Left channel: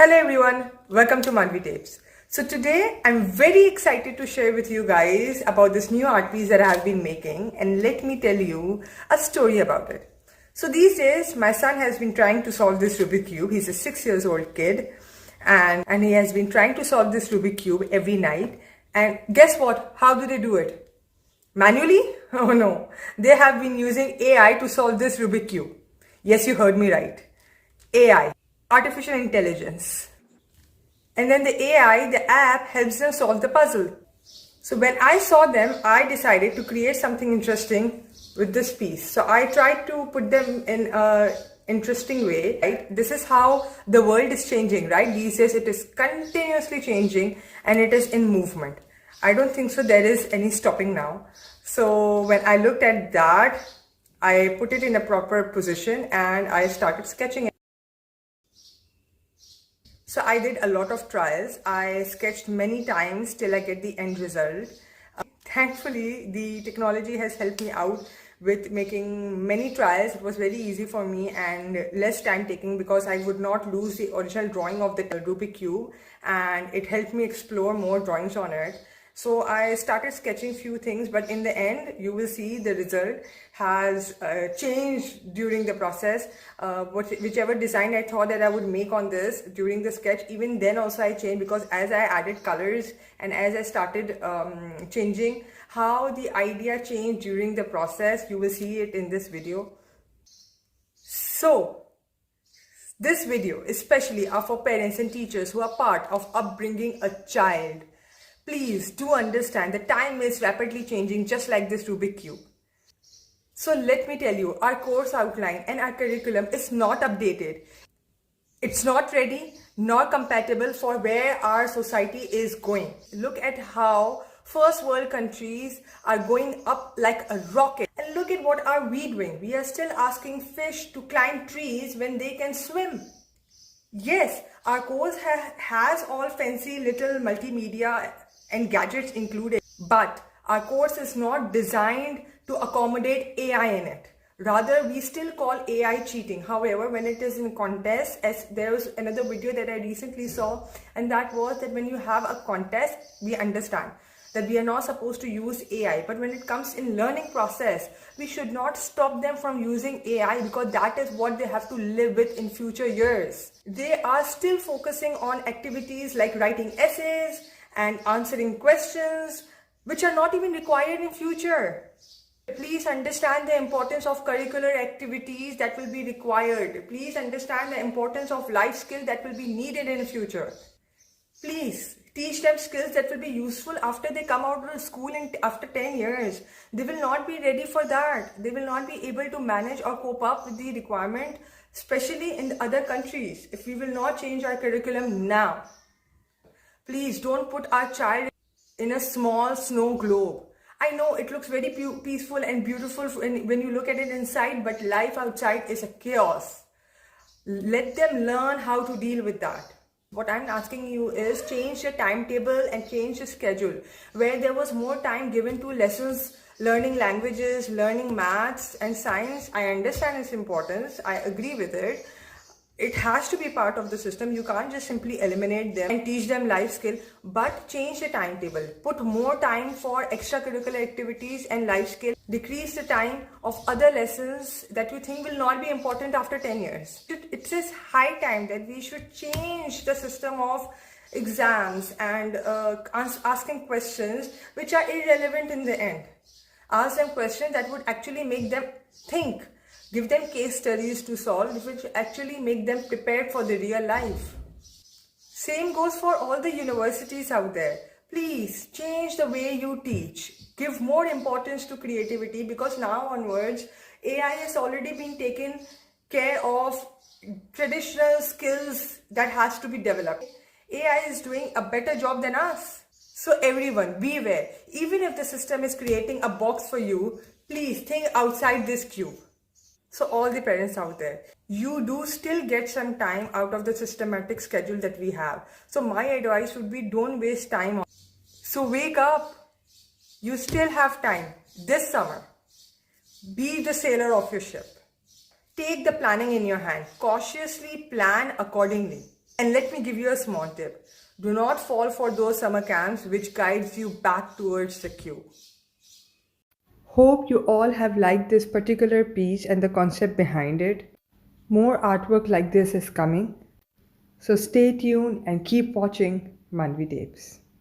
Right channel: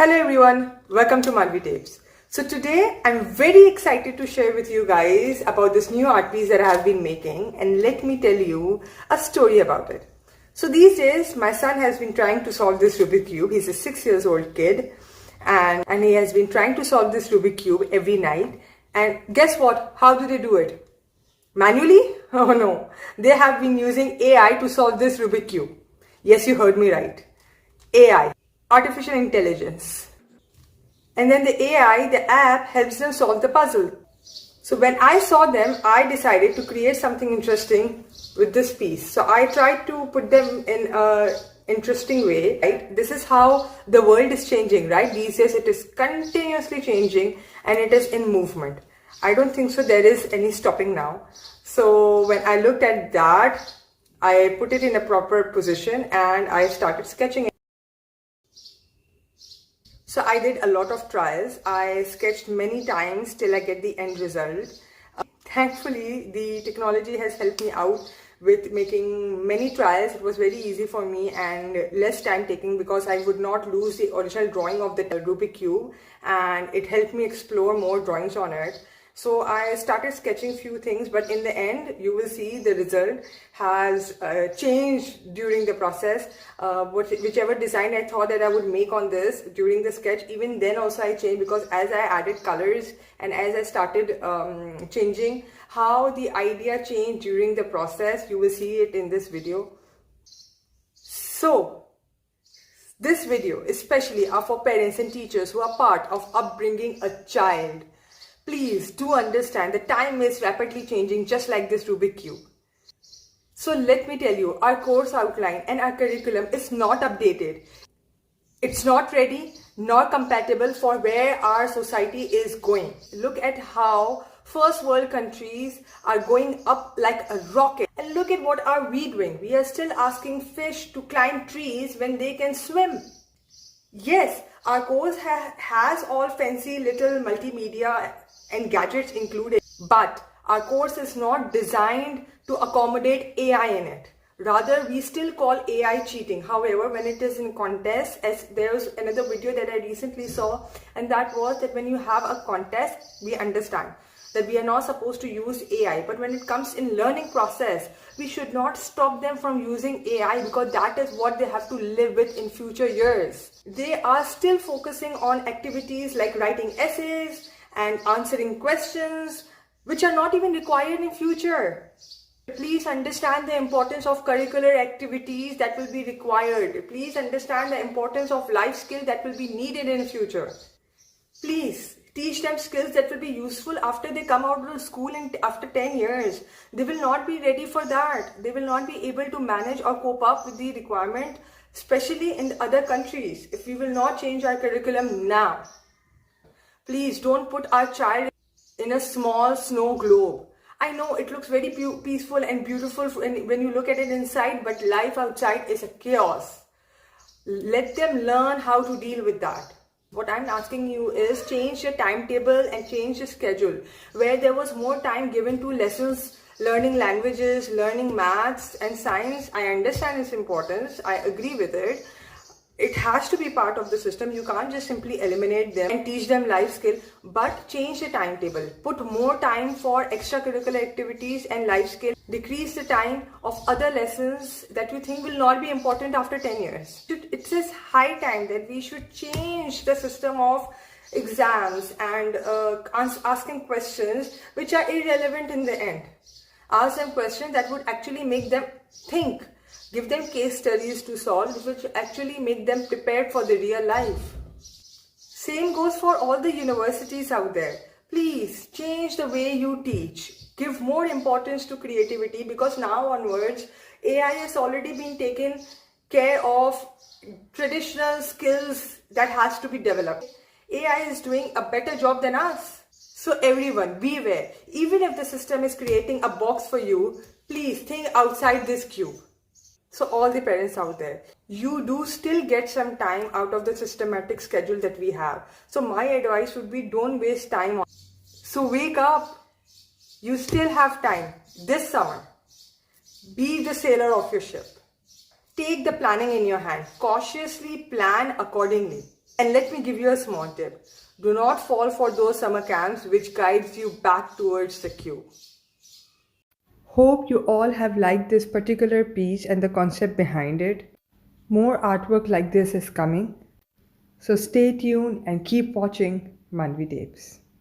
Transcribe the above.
Hello everyone, welcome to Manvi Tapes. So today I'm very excited to share with you guys about this new art piece that I have been making, and let me tell you a story about it. So these days my son has been trying to solve this Rubik cube. He's a 6 years old kid and he has been trying to solve this Rubik cube every night, and guess what? How do they do it? Manually? Oh no, they have been using AI to solve this Rubik cube. Yes, you heard me right. AI, artificial intelligence. And then the AI, the app, helps them solve the puzzle. So when I saw them, I decided to create something interesting with this piece. So I tried to put them in an interesting way, right? This is how the world is changing, right? These days it is continuously changing and it is in movement. I don't think so there is any stopping now. So when I looked at that, I put it in a proper position and I started sketching it. So I did a lot of trials. I sketched many times till I get the end result. Thankfully, the technology has helped me out with making many trials. It was very easy for me and less time taking because I would not lose the original drawing of the Rubik cube, and it helped me explore more drawings on it. So I started sketching few things, but in the end you will see the result has changed during the process. Whichever design I thought that I would make on this during the sketch, even then also I changed, because as I added colors and as I started changing, how the idea changed during the process, you will see it in this video. So this video especially are for parents and teachers who are part of upbringing a child. Please do understand that time is rapidly changing, just like this Rubik cube. So let me tell you, our course outline and our curriculum is not updated. It's not ready nor compatible for where our society is going. Look at how first world countries are going up like a rocket. And look at what are we doing. We are still asking fish to climb trees when they can swim. Yes, our course has all fancy little multimedia and gadgets included, but our course is not designed to accommodate AI in it. Rather, we still call AI cheating. However, when it is in contest, as there was another video that I recently saw, and that was that when you have a contest, we understand that we are not supposed to use AI. But when it comes in learning process, we should not stop them from using AI, because that is what they have to live with in future years. They are still focusing on activities like writing essays and answering questions, which are not even required in future. Please understand the importance of curricular activities that will be required. Please understand the importance of life skills that will be needed in the future. Please teach them skills that will be useful after they come out of school and after 10 years. They will not be ready for that. They will not be able to manage or cope up with the requirement, especially in the other countries, if we will not change our curriculum now. Please don't put our child in a small snow globe. I know it looks very peaceful and beautiful when you look at it inside, but life outside is a chaos. Let them learn how to deal with that. What I'm asking you is change your timetable and change your schedule. Where there was more time given to lessons, learning languages, learning maths and science, I understand its importance. I agree with it. It has to be part of the system. You can't just simply eliminate them and teach them life skill, but change the timetable. Put more time for extracurricular activities and life skill. Decrease the time of other lessons that you think will not be important after 10 years. It is high time that we should change the system of exams and asking questions which are irrelevant in the end. Ask them questions that would actually make them think. Give them case studies to solve, which actually make them prepared for the real life. Same goes for all the universities out there. Please change the way you teach. Give more importance to creativity, because now onwards, AI has already been taken care of traditional skills that has to be developed. AI is doing a better job than us. So everyone, beware. Even if the system is creating a box for you, please think outside this cube. So all the parents out there, you do still get some time out of the systematic schedule that we have. So my advice would be, don't waste time. So wake up. You still have time this summer. Be the sailor of your ship. Take the planning in your hand. Cautiously plan accordingly. And let me give you a small tip. Do not fall for those summer camps which guides you back towards the queue. Hope you all have liked this particular piece and the concept behind it. More artwork like this is coming. So stay tuned and keep watching Manvi Tapes.